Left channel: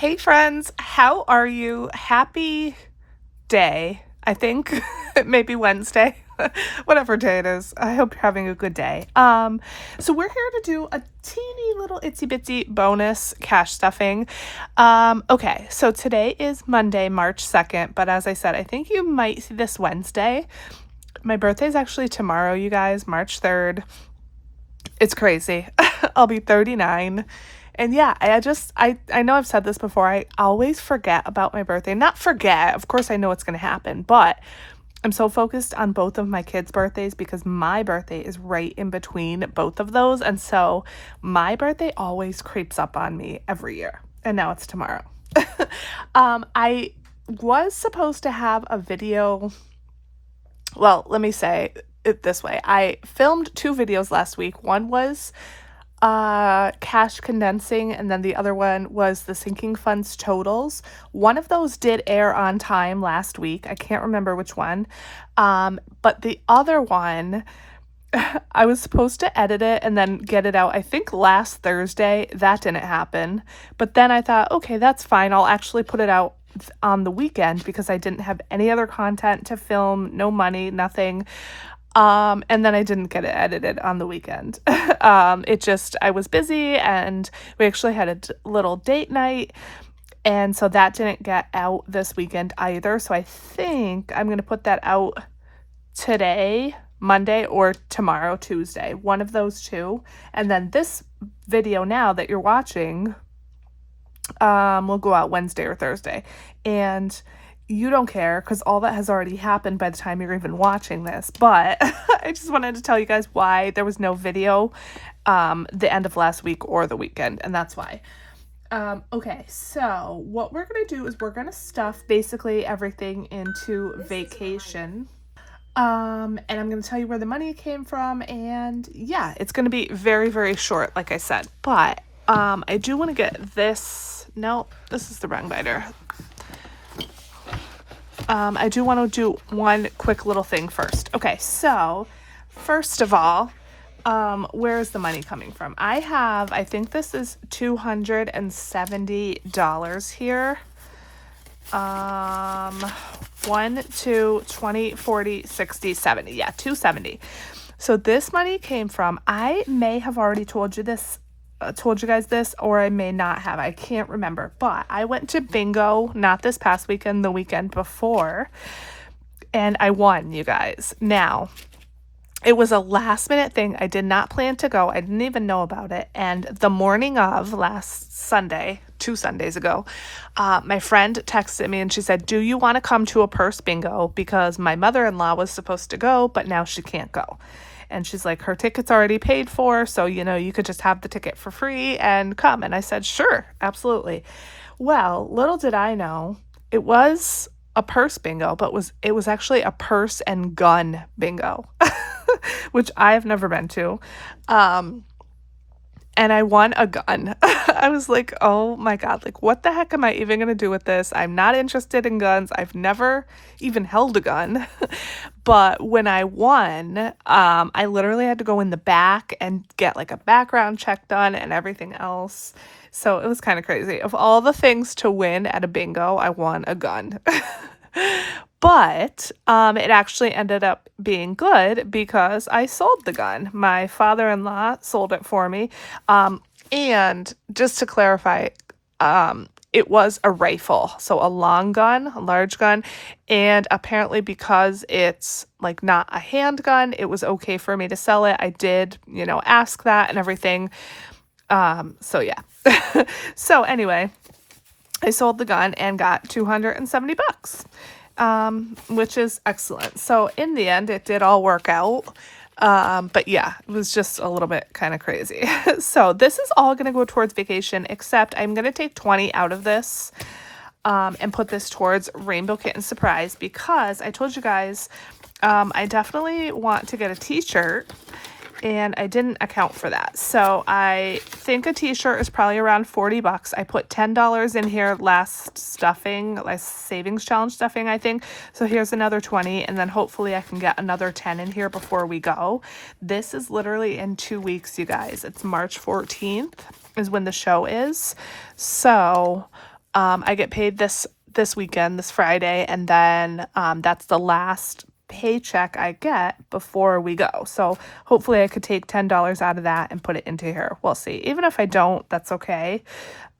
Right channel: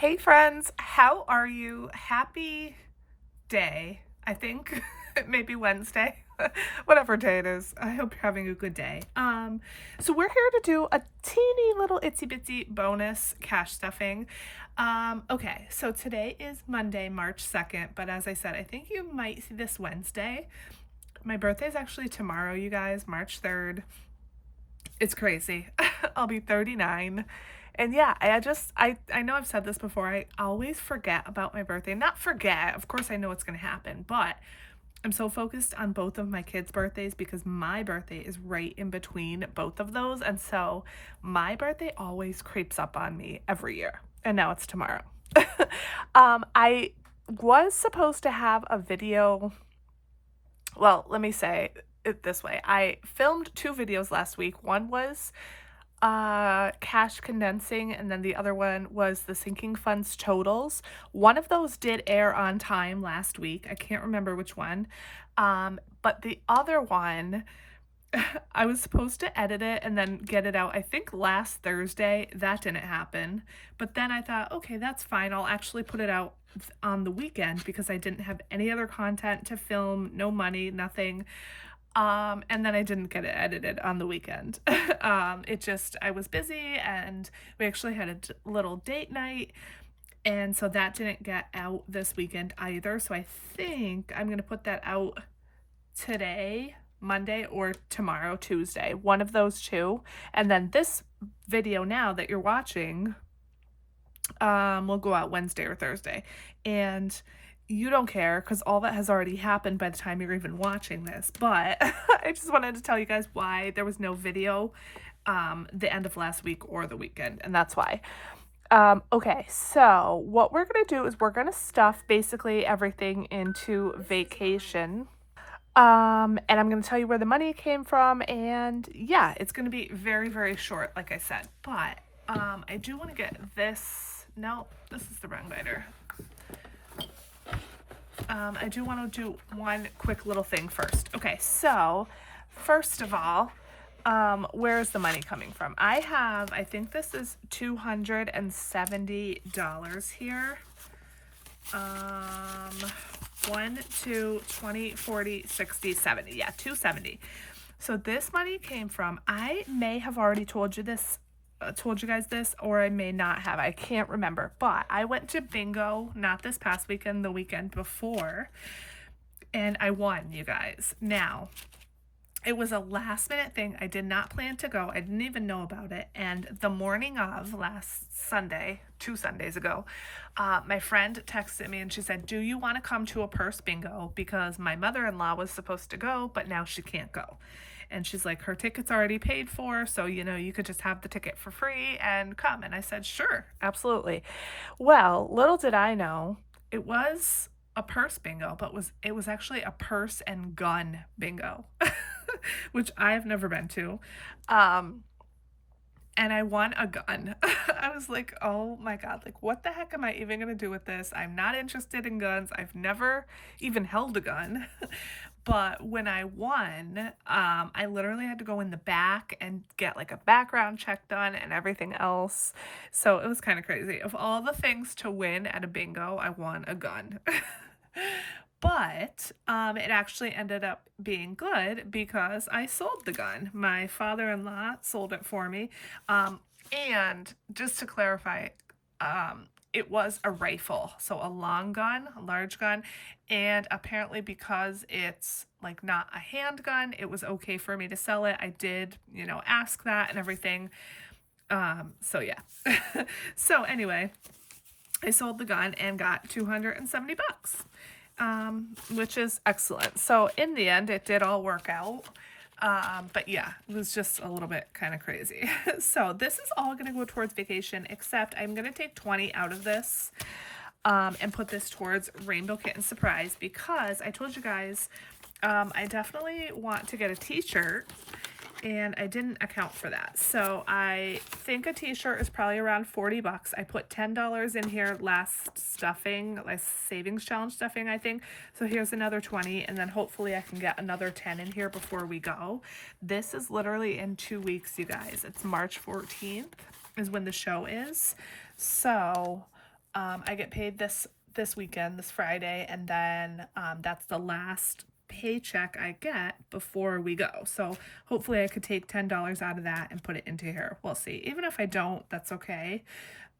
Hey friends, how are you? Happy day, I think. It may be Wednesday. Whatever day it is. I hope you're having a good day. So we're here to do a teeny little itsy bitsy bonus cash stuffing. Okay, so today is Monday, March 2nd, but as I said, I think you might see this Wednesday. My birthday is actually tomorrow, you guys, March 3rd. It's crazy. I'll be 39. And yeah, I know I've said this before. I always forget about my birthday. Not forget, of course I know it's going to happen, but I'm so focused on both of my kids' birthdays because my birthday is right in between both of those. And so my birthday always creeps up on me every year. And now it's tomorrow. I was supposed to have a video. Well, let me say it this way. I filmed 2 videos last week. One was cash condensing, and then the other one was the sinking funds totals. One of those did air on time last week. I can't remember which one. But the other one, I was supposed to edit it and then get it out, I think last Thursday. That didn't happen. But then I thought, okay, that's fine. I'll actually put it out on the weekend because I didn't have any other content to film, no money, nothing. And then I didn't get it edited on the weekend. I was busy and we actually had a little date night. And so that didn't get out this weekend either. So I think I'm going to put that out today, Monday, or tomorrow, Tuesday, one of those two. And then this video now that you're watching, will go out Wednesday or Thursday. And you don't care because all that has already happened by the time you're even watching this. But I just wanted to tell you guys why there was no video the end of last week or the weekend, and that's why. Okay, so what we're going to do is we're going to stuff basically everything into vacation. And I'm going to tell you where the money came from, and yeah, it's going to be very, very short, like I said. But I do want to get this. No, this is the wrong binder. I do want to do one quick little thing first. Okay, so first of all, where is the money coming from? I think this is $270 here. 1, 2, 20, 40, 60, 70. Yeah, 270. So this money came from, I may have already told you guys this, or I may not have. I can't remember. But I went to bingo, not this past weekend, the weekend before, and I won, you guys. Now, it was a last minute thing. I did not plan to go. I didn't even know about it. And the morning of last Sunday, 2 Sundays ago, my friend texted me and she said, "Do you want to come to a purse bingo? Because my mother-in-law was supposed to go, but now she can't go." And she's like, her ticket's already paid for, so, you could just have the ticket for free and come. And I said, sure, absolutely. Well, little did I know, it was a purse bingo, but it was actually a purse and gun bingo, which I have never been to. And I won a gun. I was like, oh my God, like, what the heck am I even going to do with this? I'm not interested in guns. I've never even held a gun. But when I won, I literally had to go in the back and get like a background check done and everything else. So it was kind of crazy. Of all the things to win at a bingo, I won a gun. But it actually ended up being good because I sold the gun. My father-in-law sold it for me. And just to clarify, it was a rifle, so a long gun, a large gun, and apparently because it's like not a handgun, it was okay for me to sell it. I did, ask that and everything. So yeah. So anyway, I sold the gun and got $270. Which is excellent. So in the end, it did all work out. But yeah, it was just a little bit kind of crazy. So this is all going to go towards vacation, except I'm going to take 20 out of this, and put this towards Rainbow Kitten Surprise because I told you guys, I definitely want to get a t-shirt. And I didn't account for that. So I think a t-shirt is probably around $40. I put $10 in here last savings challenge stuffing, I think. So here's another 20, and then hopefully I can get another 10 in here before we go. This is literally in 2 weeks, you guys. It's March 14th is when the show is. So I get paid this weekend, this Friday, and then that's the last paycheck I get before we go. So hopefully I could take $10 out of that and put it into here. We'll see. Even if I don't, that's okay.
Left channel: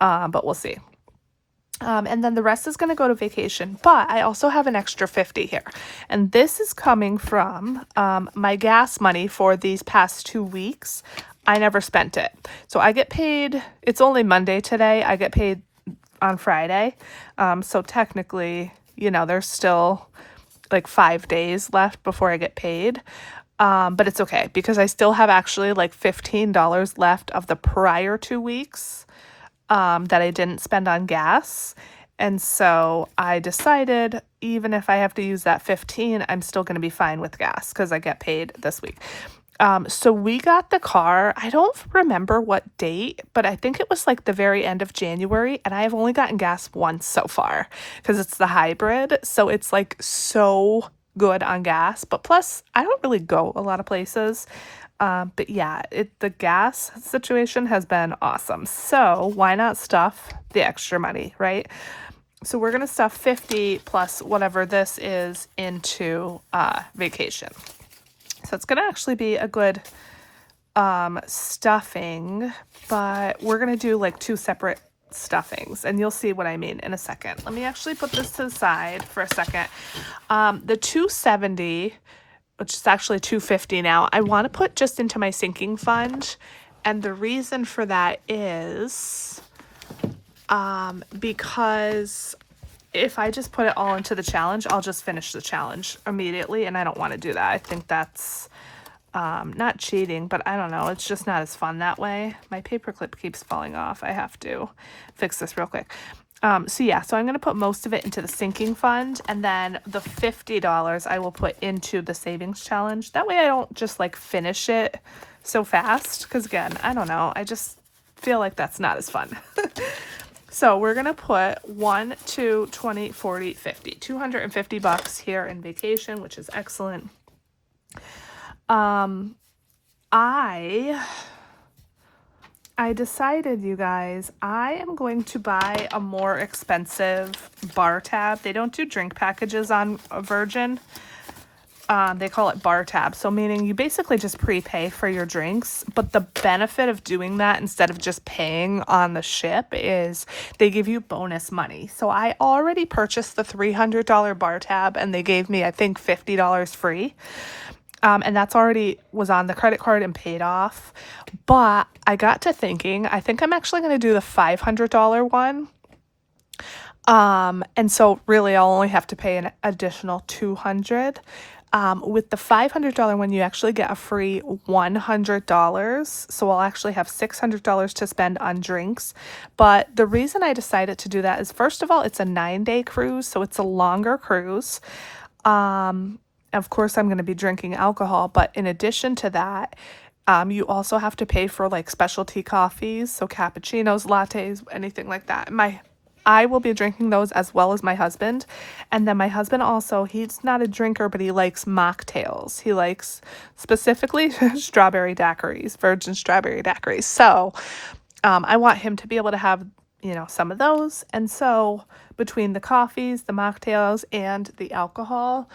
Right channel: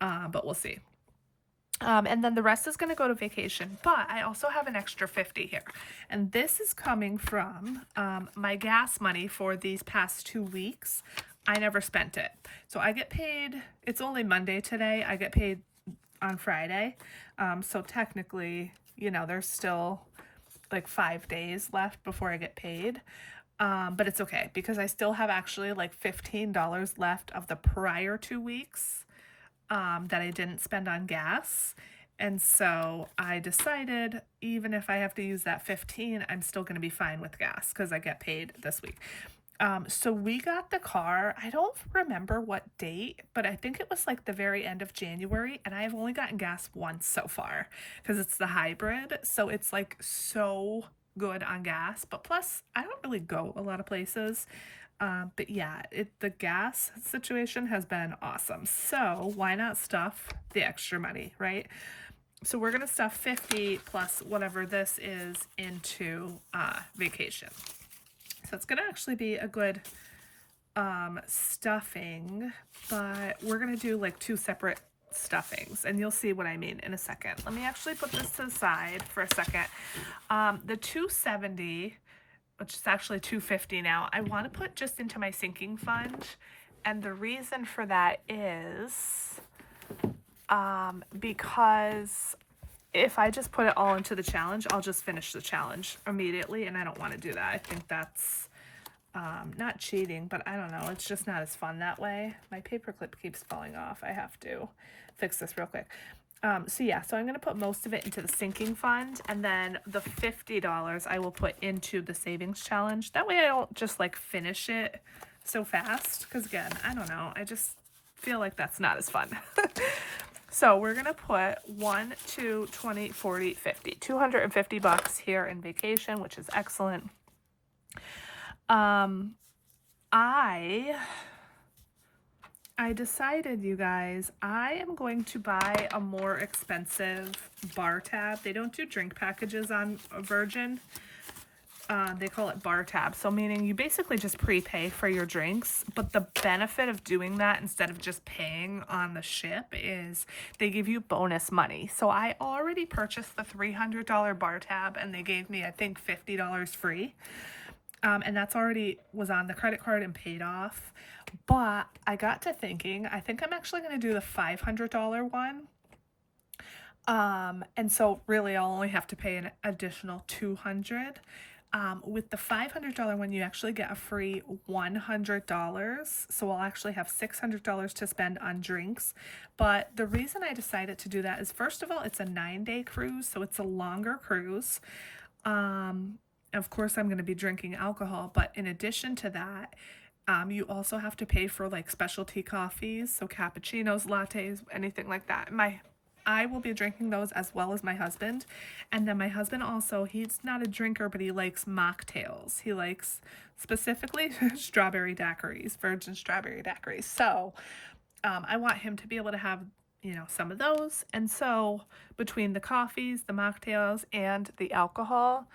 But we'll see. And then the rest is going to go to vacation. But I also have an extra 50 here. And this is coming from my gas money for these past 2 weeks. I never spent it. So I get paid, it's only Monday today. I get paid on Friday. So technically, you know, there's still like 5 days left before I get paid. But it's okay because I still have actually like $15 left of the prior 2 weeks that I didn't spend on gas. And so I decided even if I have to use that 15, I'm still going to be fine with gas because I get paid this week. So we got the car, I don't remember what date, but I think it was like the very end of January, and I have only gotten gas once so far because it's the hybrid. So it's like so good on gas, but plus I don't really go a lot of places. But yeah, the gas situation has been awesome. So why not stuff the extra money, right? So we're going to stuff 50 plus whatever this is into vacation. So it's going to actually be a good stuffing, but we're going to do like 2 separate stuffings, and you'll see what I mean in a second. Let me actually put this to the side for a second. The 270, which is actually 250 now, I want to put just into my sinking fund. And the reason for that is because if I just put it all into the challenge, I'll just finish the challenge immediately, and I don't want to do that. I think that's not cheating, but I don't know. It's just not as fun that way. My paperclip keeps falling off. I have to fix this real quick. So yeah, so I'm going to put most of it into the sinking fund, and then the $50 I will put into the savings challenge. That way I don't just like finish it so fast, because again, I don't know. I just feel like that's not as fun. So we're going to put 1, 2, 20, 40, 50, $250 here in vacation, which is excellent. I decided, you guys, I am going to buy a more expensive bar tab. They don't do drink packages on Virgin. They call it bar tab. So meaning you basically just prepay for your drinks. But the benefit of doing that instead of just paying on the ship is they give you bonus money. So I already purchased the $300 bar tab, and they gave me, I think, $50 free. And that's already was on the credit card and paid off. But I got to thinking, I think I'm actually going to do the $500 one. And so really I'll only have to pay an additional $200. With the $500 one, you actually get a free $100. So I'll actually have $600 to spend on drinks. But the reason I decided to do that is, first of all, it's a 9-day cruise. So it's a longer cruise. Of course, I'm going to be drinking alcohol, but in addition to that, you also have to pay for like specialty coffees, so cappuccinos, lattes, anything like that. I will be drinking those as well as my husband. And then my husband also, he's not a drinker, but he likes mocktails. He likes specifically strawberry daiquiris, virgin strawberry daiquiris. So I want him to be able to have, you know, some of those. And so between the coffees, the mocktails, and the alcohol,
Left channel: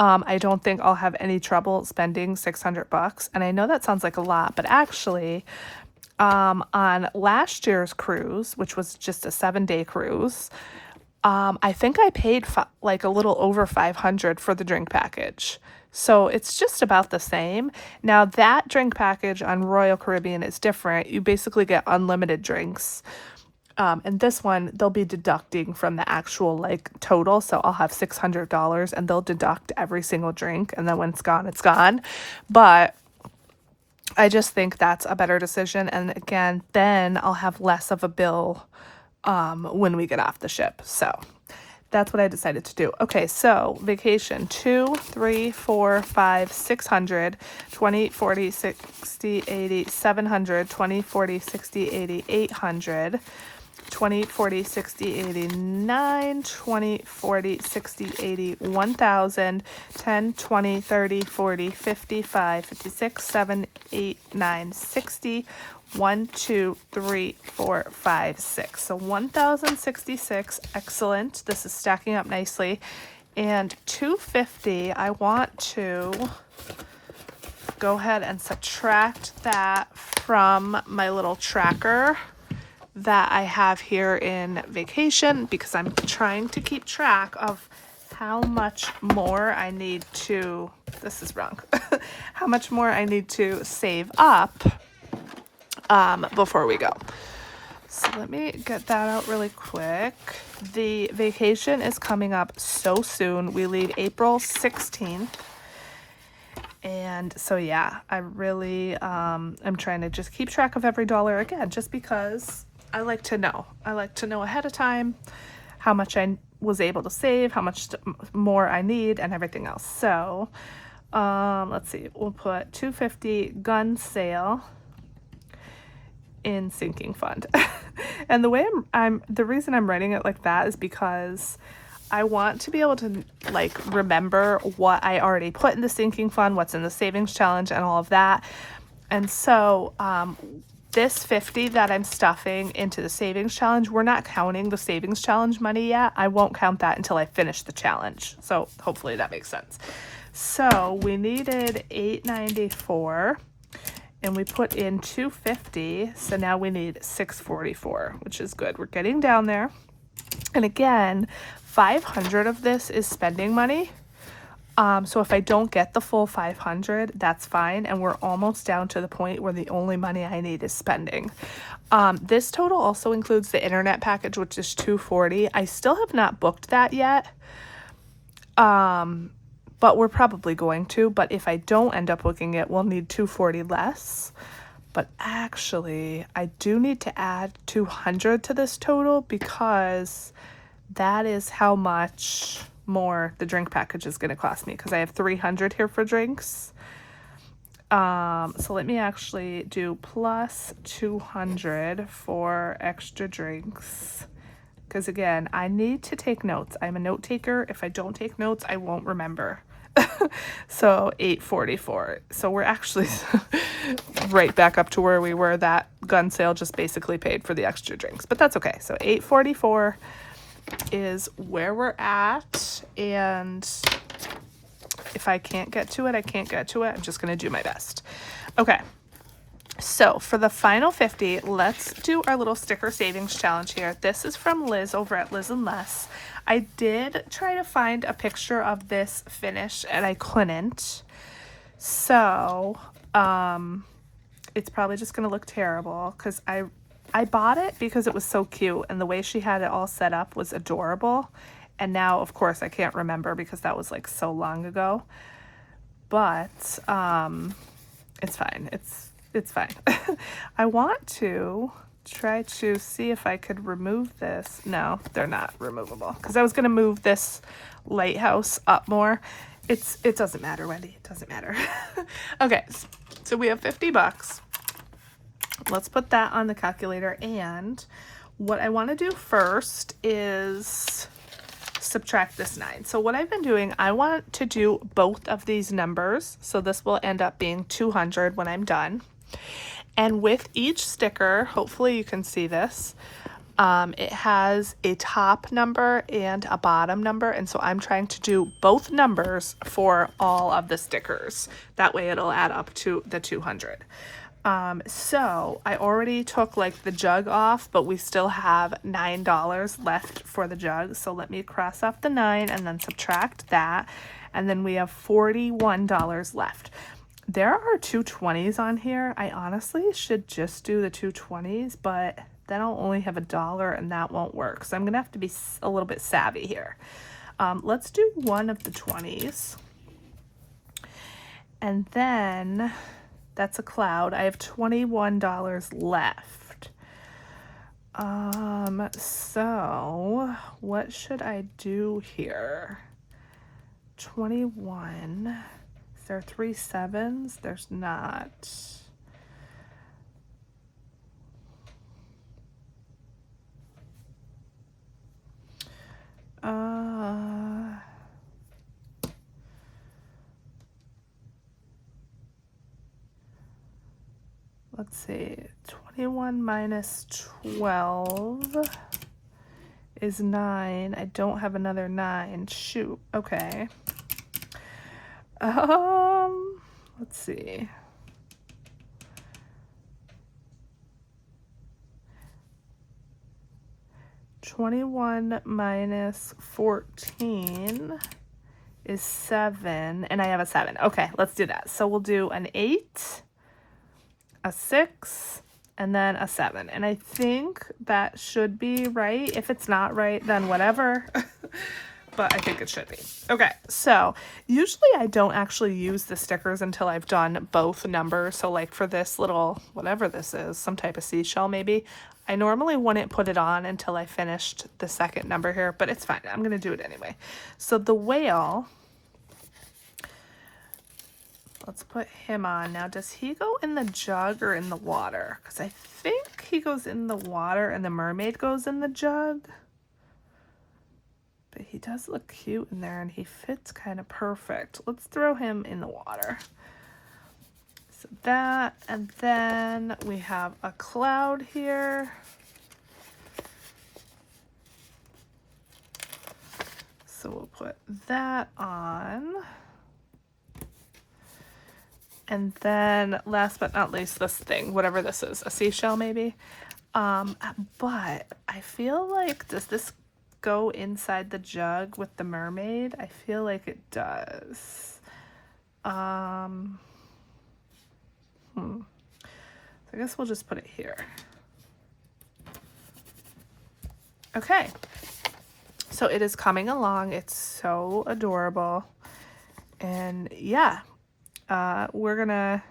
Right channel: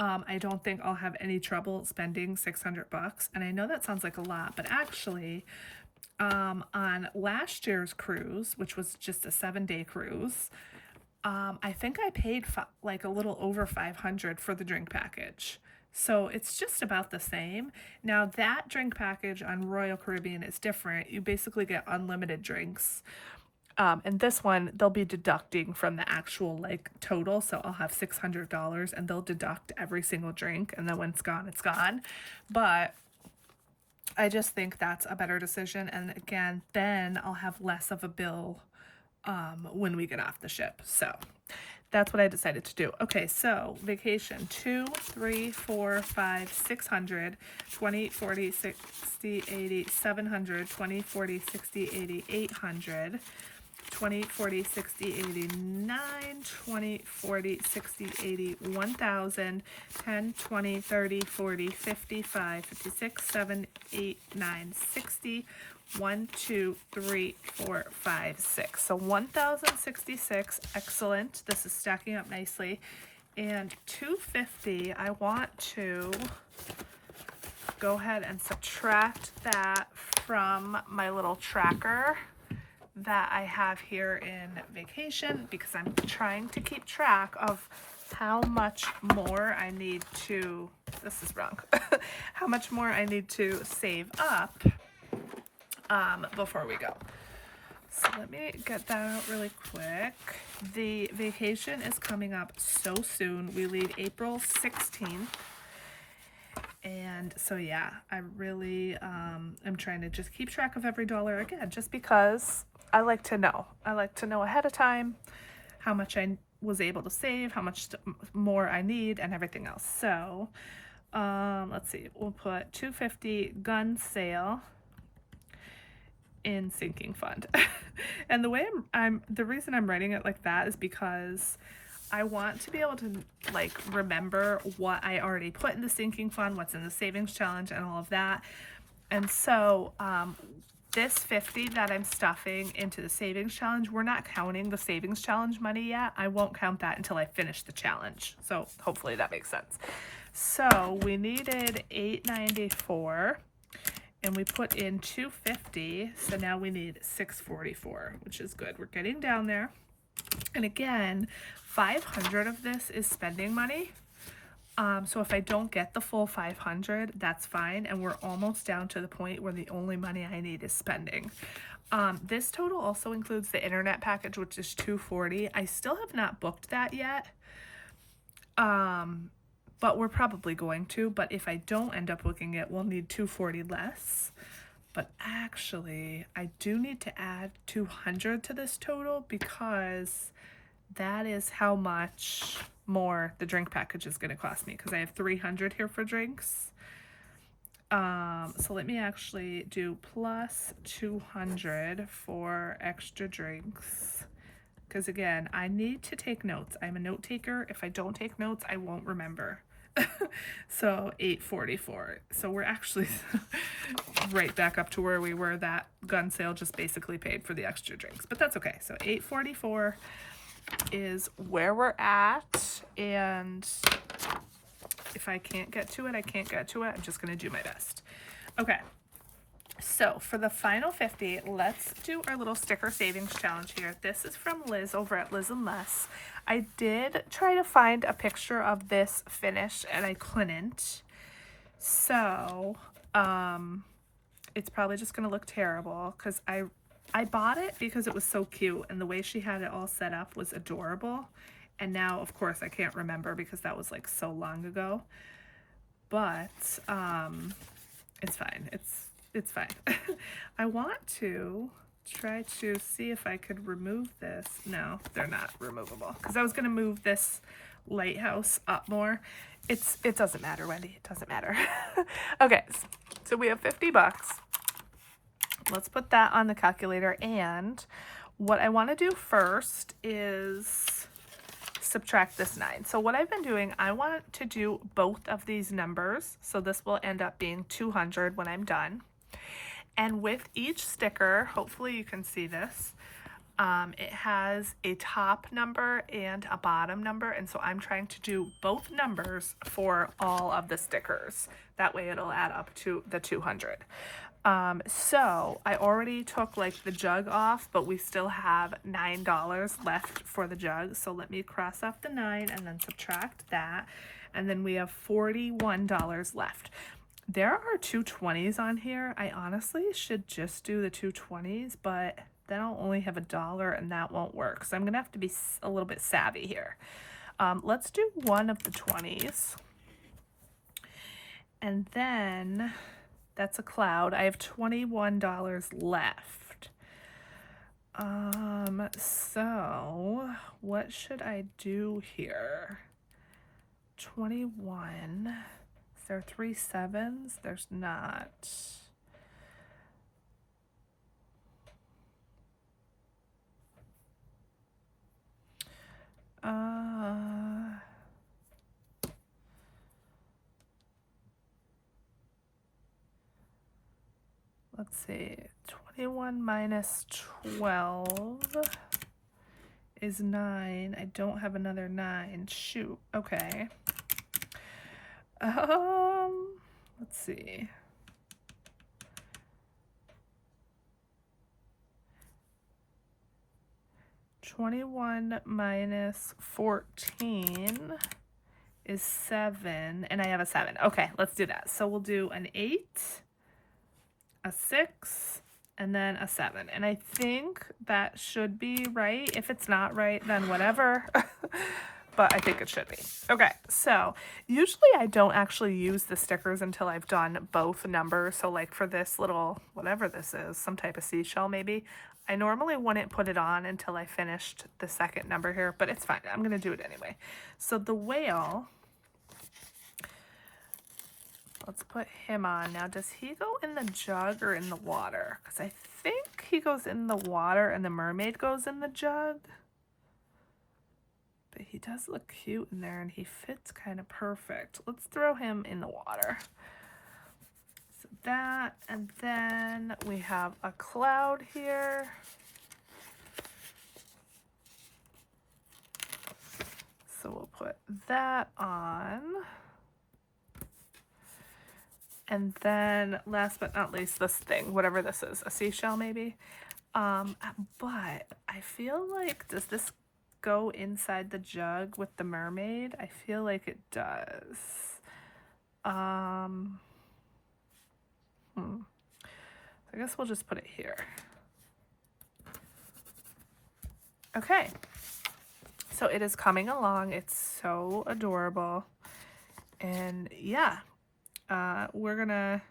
I don't think I'll have any trouble spending $600. And I know that sounds like a lot, but actually, on last year's cruise, which was just a 7-day cruise, I think I paid like a little over $500 for the drink package. So it's just about the same. Now that drink package on Royal Caribbean is different. You basically get unlimited drinks. And this one, they'll be deducting from the actual like total. So I'll have $600 and they'll deduct every single drink. And then when it's gone, it's gone. But I just think that's a better decision. And again, then I'll have less of a bill when we get off the ship. So that's what I decided to do. Okay, so vacation 2, 3, 4, 5, 600, 20, 40, 60, 80, 700, 20, 40, 60, 80, 800. 20, 40, 60, 89, 20, 40, 60, 80, 1,000, 10, 20, 30, 40, 55, 56, 7, 8, 9, 60, 1, 2, 3, 4, 5, 6. So 1,066. Excellent. This is stacking up nicely. And 250, I want to go ahead and subtract that from my little tracker that I have here in Vacation, because I'm trying to keep track of how much more I need to, this is wrong, how much more I need to save up before we go. So let me get that out really quick. The vacation is coming up so soon. We leave April 16th. And so, yeah, I really, I'm trying to just keep track of every dollar again, just because I like to know. I like to know ahead of time how much I was able to save, how much more I need, and everything else. So, let's see, we'll put 250 gun sale in sinking fund. And the way the reason I'm writing it like that is because I want to be able to like remember what I already put in the sinking fund, what's in the savings challenge, and all of that. And so this 50 that I'm stuffing into the savings challenge, we're not counting the savings challenge money yet. I won't count that until I finish the challenge. So hopefully that makes sense. So we needed $894 and we put in $250. So now we need $644, which is good. We're getting down there. And again, 500 of this is spending money. So if I don't get the full 500, that's fine. And we're almost down to the point where the only money I need is spending. This total also includes the internet package, which is $240. I still have not booked that yet. But we're probably going to. But if I don't end up booking it, we'll need $240 less. But actually, I do need to add $200 to this total because that is how much more the drink package is going to cost me, because I have $300 here for drinks. So let me actually do plus $200 for extra drinks, because again, I need to take notes. I'm a note taker. If I don't take notes, I won't remember. So $844. So we're actually right back up to where we were. That gun sale just basically paid for the extra drinks, but that's okay. So $844 is where we're at, and if I can't get to it, I can't get to it. I'm just going to do my best. Okay, so for the final 50, let's do our little sticker savings challenge here. This is from Liz over at Liz and Less. I did try to find a picture of this finish and I couldn't, so it's probably just going to look terrible, because I bought it because it was so cute and the way she had it all set up was adorable. And now, of course, I can't remember because that was like so long ago. But it's fine. It's fine. I want to try to see if I could remove this. No, they're not removable, because I was going to move this lighthouse up more. It doesn't matter, Wendy. It doesn't matter. Okay, so we have $50. Let's put that on the calculator, and what I want to do first is subtract this 9. So what I've been doing, I want to do both of these numbers, so this will end up being 200 when I'm done. And with each sticker, hopefully you can see this, it has a top number and a bottom number, and so I'm trying to do both numbers for all of the stickers. That way it'll add up to the 200. So I already took like the jug off, but we still have $9 left for the jug. So let me cross off the 9 and then subtract that. And then we have $41 left. There are 2 20s on here. I honestly should just do the 2 20s, but then I'll only have $1 and that won't work. So I'm going to have to be a little bit savvy here. Let's do one of the 20s. And then that's a cloud. I have $21 left. So what should I do here? 21. Is there 3 7s? There's not. let's see, 21 minus 12 is 9. I don't have another 9. Shoot. Okay. Let's see. $21 minus 14 is 7, and I have a 7. Okay, let's do that. So we'll do an 8, a 6, and then a 7. And I think that should be right. If it's not right, then whatever. But I think it should be. Okay, so usually I don't actually use the stickers until I've done both numbers. So like for this little, whatever this is, some type of seashell maybe, I normally wouldn't put it on until I finished the second number here, but it's fine. I'm going to do it anyway. So the whale, let's put him on. Now, does he go in the jug or in the water? Because I think he goes in the water and the mermaid goes in the jug. But he does look cute in there and he fits kind of perfect. Let's throw him in the water. So that, and then we have a cloud here. So we'll put that on. And then last but not least, this thing, whatever this is, a seashell maybe. But I feel like, does this go inside the jug with the mermaid? I feel like it does. So I guess we'll just put it here. Okay. So it is coming along. It's so adorable. And yeah, we're gonna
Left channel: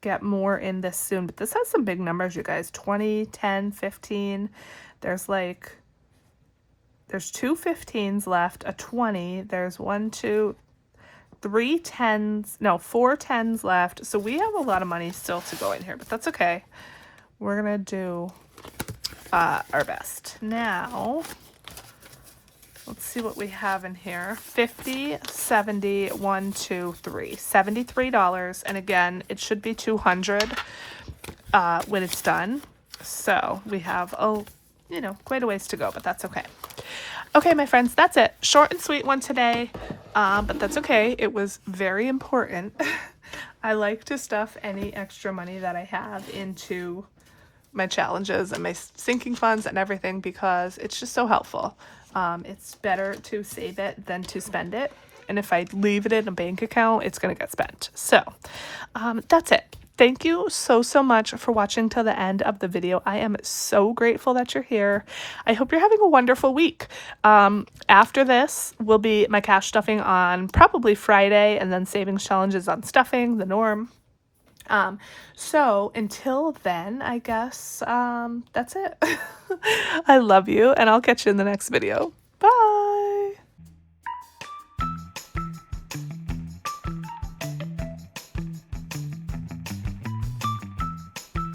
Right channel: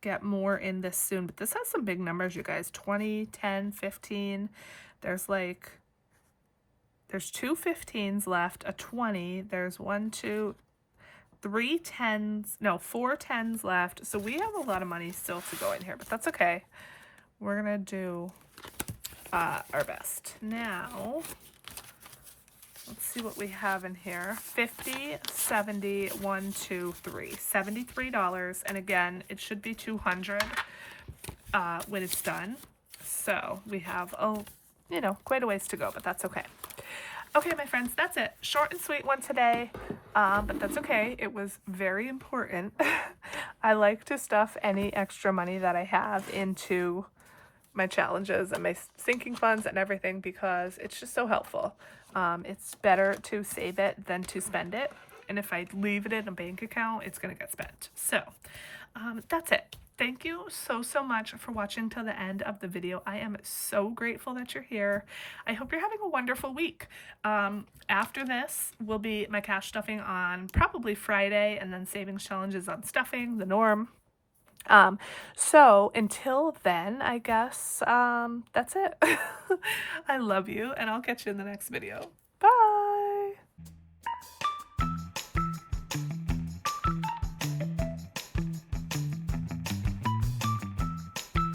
get more in this soon, but this has some big numbers, you guys. 20, 10, 15. There's two 15s left, a 20. There's 1, 2, 3 10s, no, 4 10s left. So we have a lot of money still to go in here, but that's okay. We're gonna do our best. Now, let's see what we have in here. 50, 70, 1, 2, 3. $73. And again, it should be 200 when it's done. So we have, quite a ways to go, but that's okay. Okay, my friends, that's it. Short and sweet one today, but that's okay. It was very important. I like to stuff any extra money that I have into my challenges and my sinking funds and everything because it's just so helpful. It's better to save it than to spend it. And if I leave it in a bank account, it's going to get spent. So that's it. Thank you so much for watching till the end of the video. I am so grateful that you're here. I hope you're having a wonderful week. After this will be my cash stuffing on probably Friday, and then savings challenges on stuffing, the norm. So until then, I guess that's it. I love you, and I'll catch you in the next video.